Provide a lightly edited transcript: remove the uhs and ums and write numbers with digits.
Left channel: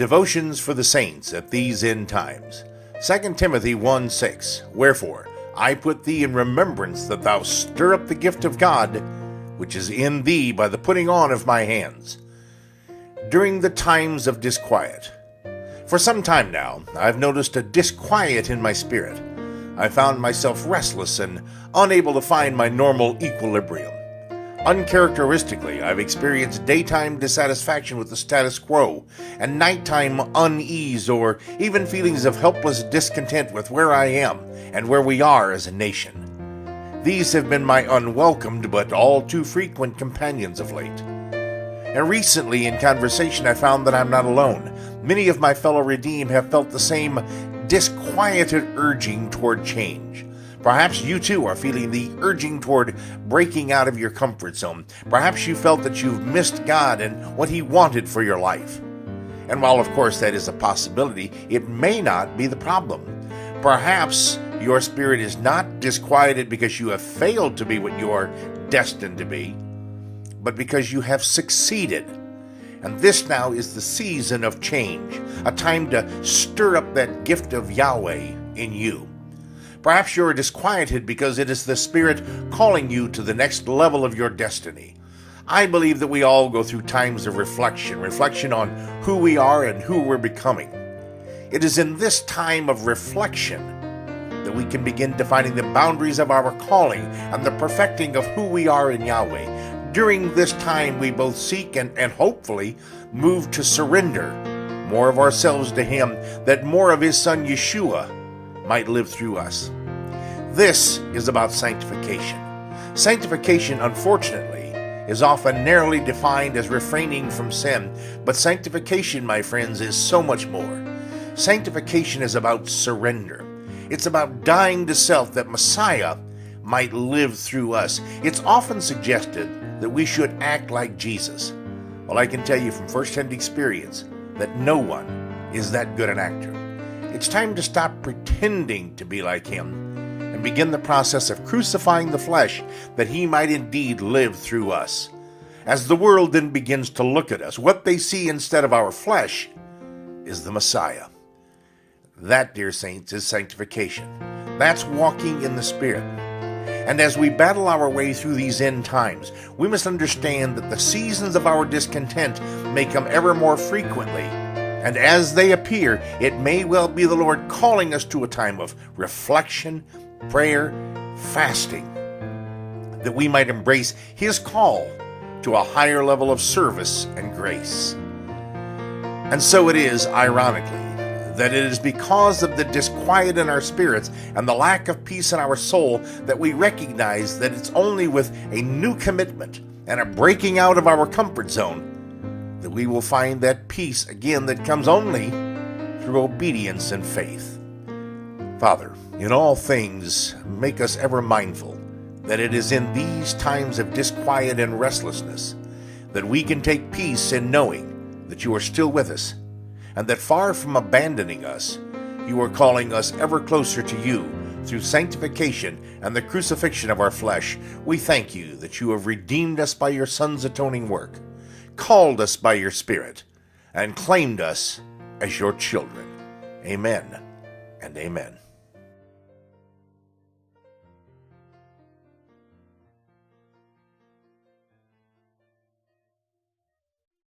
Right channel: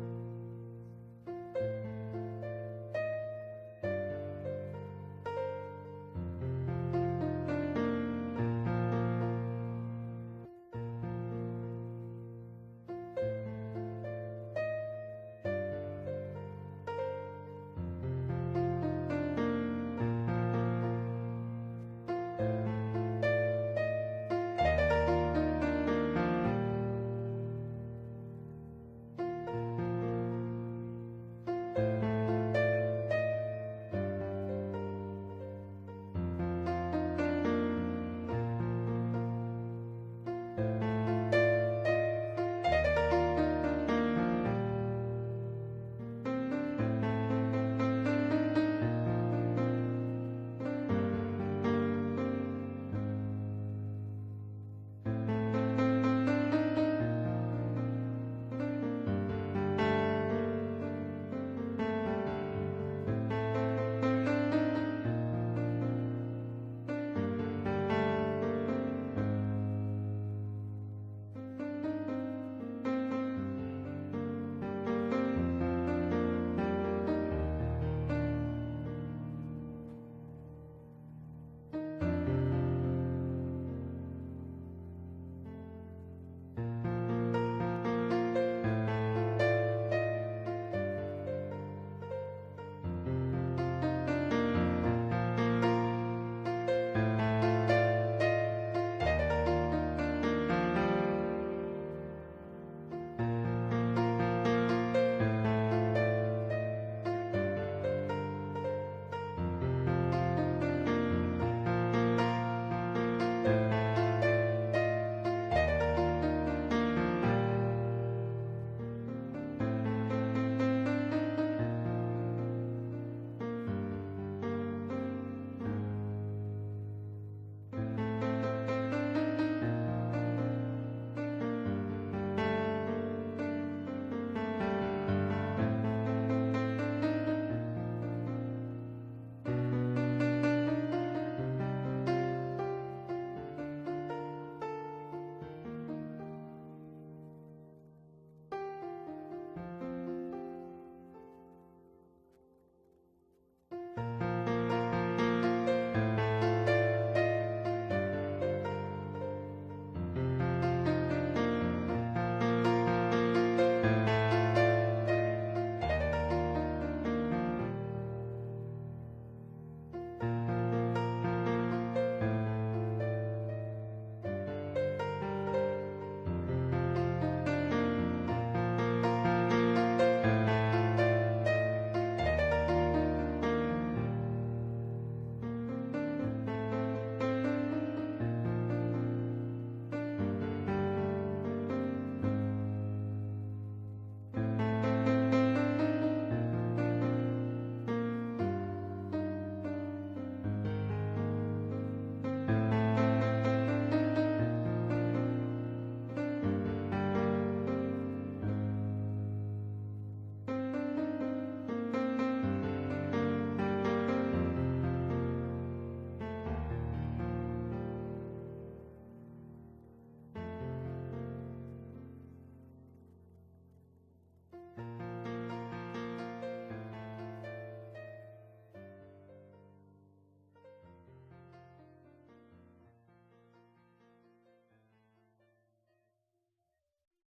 Devotions for the saints at these end times. 2 Timothy 1:6. Wherefore, I put thee in remembrance that thou stir up the gift of God, which is in thee by the putting on of my hands. During the times of disquiet. For some time now, I've noticed a disquiet in my spirit. I found myself restless and unable to find my normal equilibrium. Uncharacteristically, I've experienced daytime dissatisfaction with the status quo and nighttime unease or even feelings of helpless discontent with where I am and where we are as a nation. These have been my unwelcomed but all too frequent companions of late. And recently in conversation I found that I'm not alone. Many of my fellow redeemed have felt the same disquieted urging toward change. Perhaps you too are feeling the urging toward breaking out of your comfort zone. Perhaps you felt that you've missed God and what He wanted for your life. And while of course that is a possibility, it may not be the problem. Perhaps your spirit is not disquieted because you have failed to be what you are destined to be, but because you have succeeded. And this now is the season of change, a time to stir up that gift of Yahweh in you. Perhaps you're disquieted because it is the Spirit calling you to the next level of your destiny. I believe that we all go through times of reflection on who we are and who we're becoming. It is in this time of reflection that we can begin defining the boundaries of our calling and the perfecting of who we are in Yahweh. During this time, we both seek and hopefully move to surrender more of ourselves to Him, that more of His Son Yeshua might live through us. This is about sanctification. Sanctification, unfortunately, is often narrowly defined as refraining from sin, but sanctification, my friends, is so much more. Sanctification is about surrender. It's about dying to self that Messiah might live through us. It's often suggested that we should act like Jesus. Well, I can tell you from first-hand experience that no one is that good an actor. It's time to stop pretending to be like Him and begin the process of crucifying the flesh that He might indeed live through us. As the world then begins to look at us, what they see instead of our flesh is the Messiah. That, dear saints, is sanctification. That's walking in the Spirit. And as we battle our way through these end times, we must understand that the seasons of our discontent may come ever more frequently. And as they appear, it may well be the Lord calling us to a time of reflection, prayer, fasting, that we might embrace His call to a higher level of service and grace. And so it is, ironically, that it is because of the disquiet in our spirits and the lack of peace in our soul that we recognize that it's only with a new commitment and a breaking out of our comfort zone that we will find that peace again that comes only through obedience and faith. Father, in all things, make us ever mindful that it is in these times of disquiet and restlessness that we can take peace in knowing that You are still with us, and that far from abandoning us, You are calling us ever closer to You through sanctification and the crucifixion of our flesh. We thank You that You have redeemed us by Your Son's atoning work, called us by Your Spirit, and claimed us as Your children. Amen and amen.